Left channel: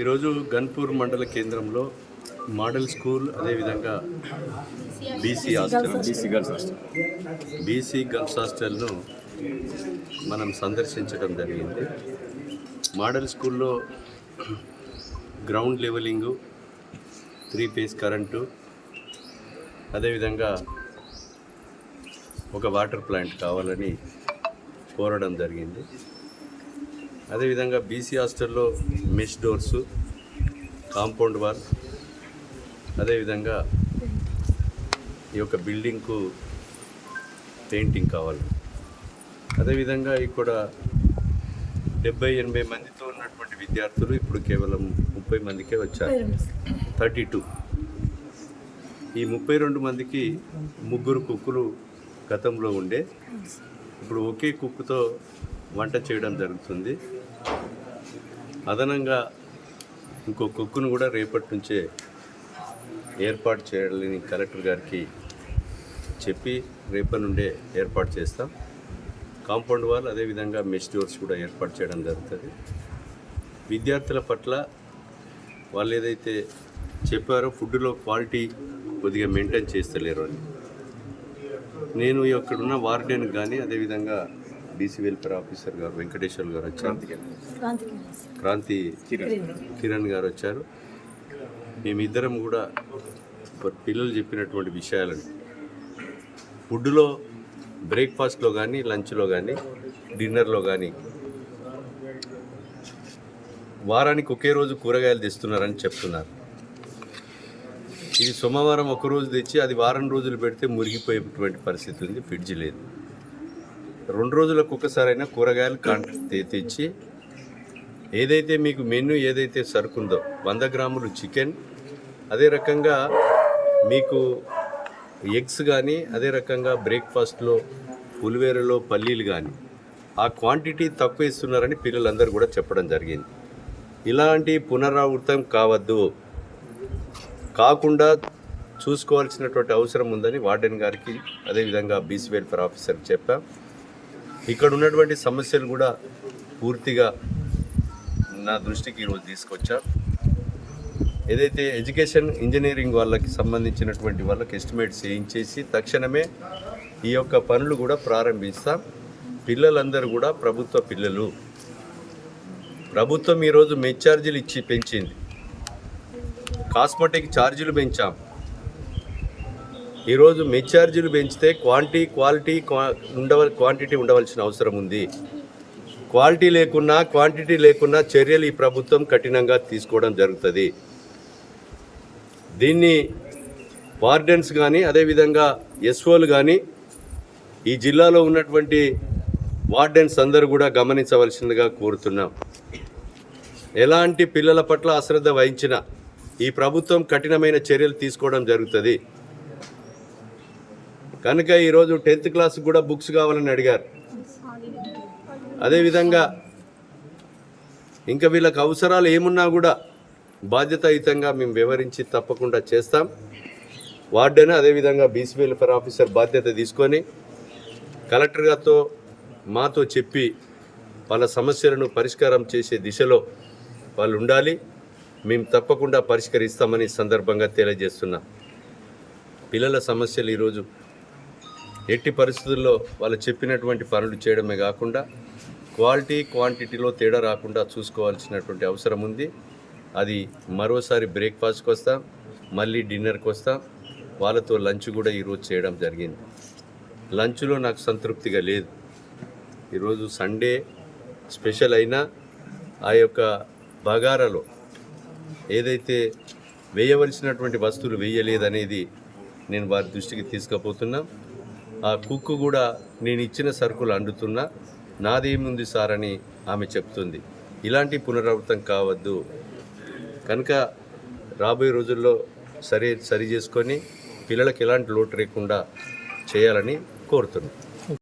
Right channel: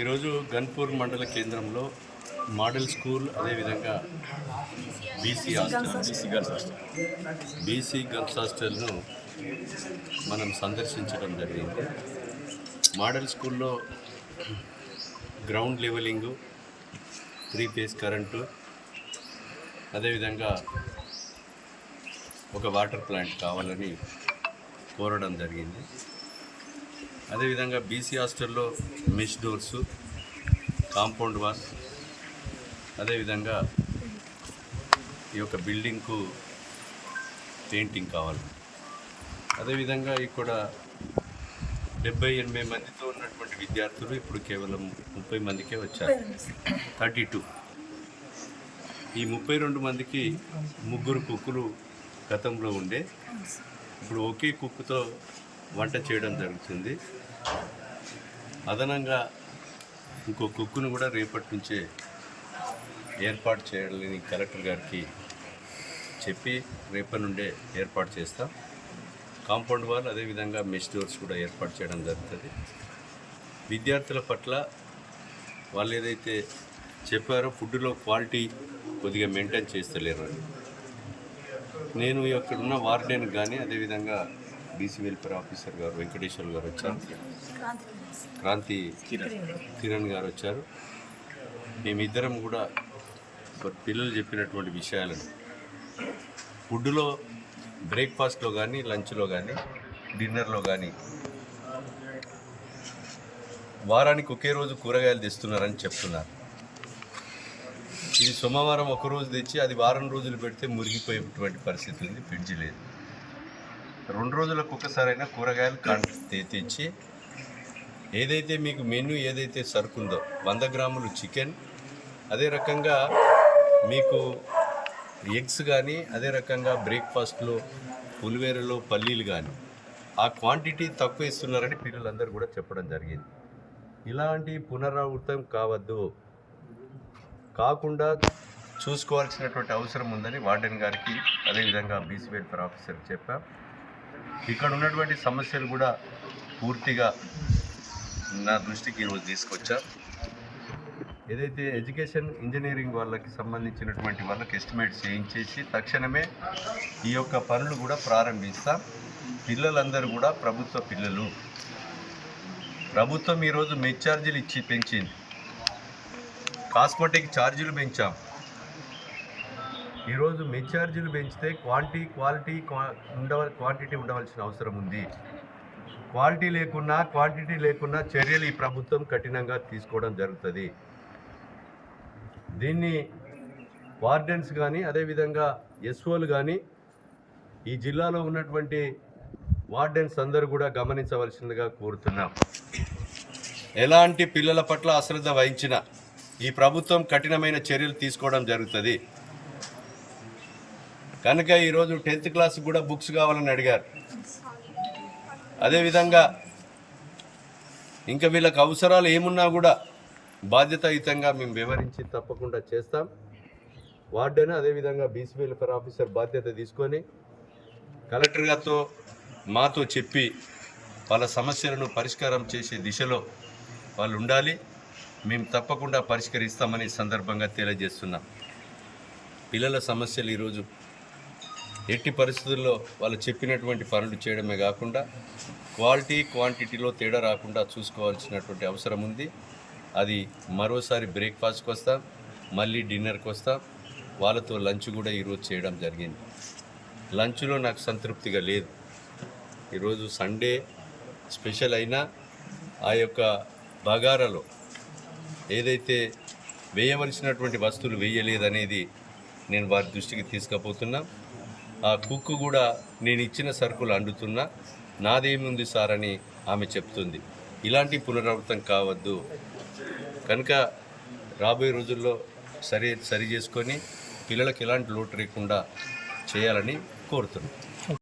ఈరోజు గన్పూర్ మండల కేంద్రంలో మోడల్ స్కూల్ అదేవిధంగా BC hostel. BC girls hostel. BC girls హాస్టల్ను మనం సందర్శించడం జరిగింది. మోడల్ స్కూల్లో ground levelling three phase current అదేవిధంగా ఒక వాటర్ ప్లాంట్ కావాలని కోరడం జరిగింది. అదేవిధంగా బీసీ హాస్టల్లో మెష్ డోర్స్ కాంపౌండ్ వాల్ అదేవిధంగా ఈ యొక్క బిల్డింగ్కు పెయింటింగ్ కావాలి. అదేవిధంగా ఇక్కడ డెబ్బై ఎనభై మందితో ఉన్నటువంటి విద్యార్థులు ఇప్పుడు కేవలం ముప్పై మందికే వచ్చారు. Thirty two. ఈ ముప్పై రెండు మందికి ముగ్గురు కుక్కులు గతంలో ఉండే. ఇప్పుడు ఒకే కుక్కుతో వంట చేయడం జరుగుతుంది. అదనంగా ఇంకో కుక్కును కూడా రేపటి నుంచే ఏర్పాటు చేయాలని కలెక్టర్ గారికి చెప్పి రేపటి నుండే ఏర్పాటు చేస్తాం. కాంపౌండ్ వాల్ అదేవిధంగా మెష్ డోర్స్ కూడా ఏర్పాటు చేయడం జరుగుతుంది. విద్యార్థుల పట్ల వాళ్ళు ఏదైతే చెప్పారో ఫుడ్లో క్వాలిటీ కొద్దిగా మెయింటైన్ చేస్తలేరు అని. నేను ఇక్కడున్న వార్డెన్ కానీ అదేవిధంగా బీసీ వెల్ఫేర్ ఆఫీసర్ గారు వెంకటేశ్వర్ గారు వచ్చారు. క్రాంతి కిరణ్ గారు వచ్చారు. మేమిద్దరం కూడా పిల్లలు చెప్పినటువంటి విషయాలని. ఫుడ్లో బ్రేక్ఫాస్ట్లో కానీ లంచ్లో కానీ డిన్నర్లో కానీ వారానికి ఒకే రోజు కూరగాయలు తెస్తున్నారని చెప్తున్నారు. ఇది సోమవారం ఒక రోజు తెచ్చి అది వారం రోజులు పెడితే మురిగిపోయేటువంటి పరిస్థితి ఉంది ఫ్రిడ్జ్ లేదు. రెండు రోజులకు ఒకసారైనా కూరగాయలు తెచ్చి ఏదైతే మీకు మెనూ ఏదైతే సరుకుందో వంద గ్రాములు చికెన్ అదే రకంగా మీకు ఎగ్స్ కానీ అదే రకంగా బ్రేక్ఫాస్ట్లో పులివేరలో పల్లీలు కానీ ఆ క్వాంటిటీ తక్కువ ఇస్తున్నారని పిల్లలందరూ కూడా చెప్పడం జరిగింది. ఇలాంటి పునరావృతం కావద్దు. కాకుండా చూసుకోవాల్సినటువంటి అవసరం ఉందని వార్డెన్ గారికి అదేవిధంగా బీసీ వెల్ఫేర్ ఆఫీసర్కి చెప్పాం. ఇక్కడ ఉన్నటువంటి సమస్యలు కూడా పూర్తిగా నా దృష్టికి ఈరోజు తీసుకొచ్చా. ఏదైతే ఎడ్యుకేషన్ ఇంజనీరింగ్ వాళ్ళకి సంబంధించినటువంటి వాళ్ళకి ఎస్టిమేట్స్ చేయించేసి తక్షణమే ఈ యొక్క పనులు కూడా ప్రారంభిస్తాం. పిల్లలందరూ కూడా ప్రభుత్వ పిల్లలు. ప్రభుత్వం ఈరోజు మెచ్చార్జీలు ఇచ్చి పెంచింది. కాస్మెటిక్ ఛార్జీలు పెంచాం. ఈరోజు మెచ్ ఛార్జీలు పెంచితే క్వాంటిటీ క్వాలిటీ క్వా- ఉండవ క్వాంటిటీ ఉండవలసిన అవసరం ఉంది. క్వాలిటీ లేకున్నా క్వాంటిటీ లేకున్నా చర్యలు ఈ ప్రభుత్వం కఠినంగా తీసుకోవడం జరుగుతుంది. దీన్ని వార్డెన్స్ కానీ అదేవిధంగా ఎస్ఓలు కానీ ఈ జిల్లాలో ఉన్నటువంటి వార్డెన్స్ అందరూ కూడా గమనించవలసిందిగా కోరుతున్నాం. ఎలాంటి పిల్లల పట్ల అశ్రద్ధ వహించిన ఈ ప్రభుత్వం కఠినమైన చర్యలు తీసుకోవడం జరుగుతుంది. కనుక ఈరోజు టెన్త్ క్లాస్ కూడా బుక్స్ కావాలని అడిగారు. అదేవిధంగా ఇంకా వీళ్ళకి అవసరాలు ఏమున్నా కూడా బాధ్యతాయుతంగా మేము వివరించి తప్పకుండా చేస్తాం. వార్డెన్ అదేవిధంగా బీసీ వెల్ఫేర్ ఆఫీసర్ బాధ్యత తీసుకొని కలెక్టర్ గారితో మాతో చెప్పి వాళ్ళ సమస్యలను పరిష్కారం చేసే దిశలో వాళ్ళు ఉండాలి. మేము తప్పకుండా పరిష్కరిస్తామని సందర్భంగా తెలియజేస్తున్నాం. పిల్లల సమస్యలు ఈరోజు ఎట్టి పరిస్థితుల్లో వాళ్ళు చెప్పినటువంటి పనులు చేయడమే కాకుండా క్వాలిటీ క్వాంటిటీలో తేడా రాకుండా చూసుకోవాల్సినటువంటి అవసరం ఉంది. అది మరోసారి బ్రేక్ఫాస్ట్కి వస్తాం మళ్ళీ డిన్నర్కి వస్తాం. వాళ్ళతో లంచ్ కూడా ఈరోజు చేయడం జరిగింది. లంచ్లో నాకు సంతృప్తిగా లేదు. ఈరోజు సండే స్పెషల్ అయినా ఆ యొక్క బగారాలో ఏదైతే వేయవలసినటువంటి వస్తువులు వేయలేదనేది నేను వారి దృష్టికి తీసుకుపోతున్నా. ఆ కుక్కు కూడా నేను ఇచ్చిన సరుకులు అండుతున్నా నాదేముంది సార్ అని ఆమె చెప్తుంది. ఇలాంటి పునరావృతం కావద్దు. కనుక రాబోయే రోజుల్లో సరి సరి చేసుకొని పిల్లలకు ఎలాంటి లోటు లేకుండా చేయాలని కోరుతున్నాను.